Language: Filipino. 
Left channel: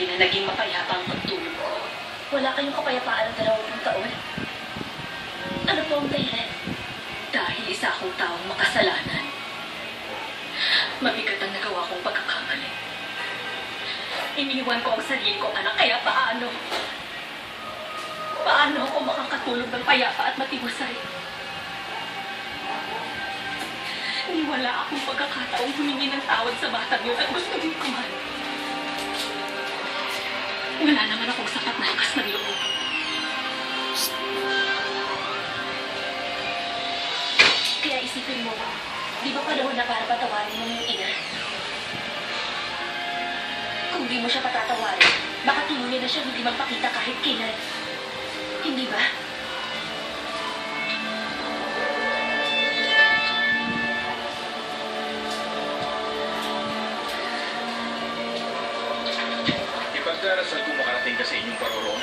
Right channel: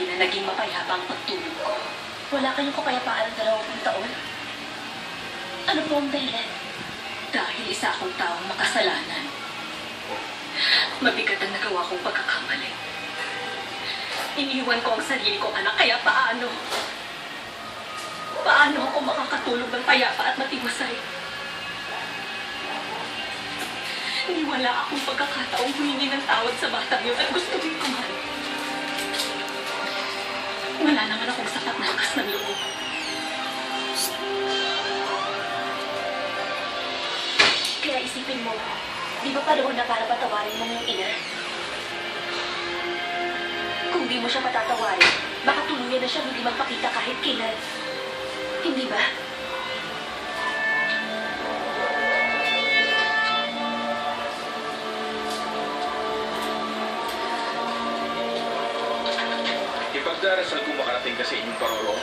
gabi na naging mapayapa ang pagtulog ko. Wala kayong kapayapaan sa 20 taon. Ano po ang dahilan? Dahil isa akong taong makasalanan. Mabigat ang nagawa kong pagkakamali. Iniwan ko ang sarili kong anak, kaya paano? Paano ako makakatulog ng payapa at matiwasay? Hindi wala akong pagkakataong humingi ng tawad sa batang yun at gusto rin ko man. Wala naman akong sapat na lakas ng loob. Kaya isipin mo, di ba panahon na para patawarin mo yung ina? Kung di mo siya patatawarin, baka tuluyan na siya hindi magpakita kahit kailan. Hindi ba? Ipagdarasal ko makarating ka sa inyong parorong.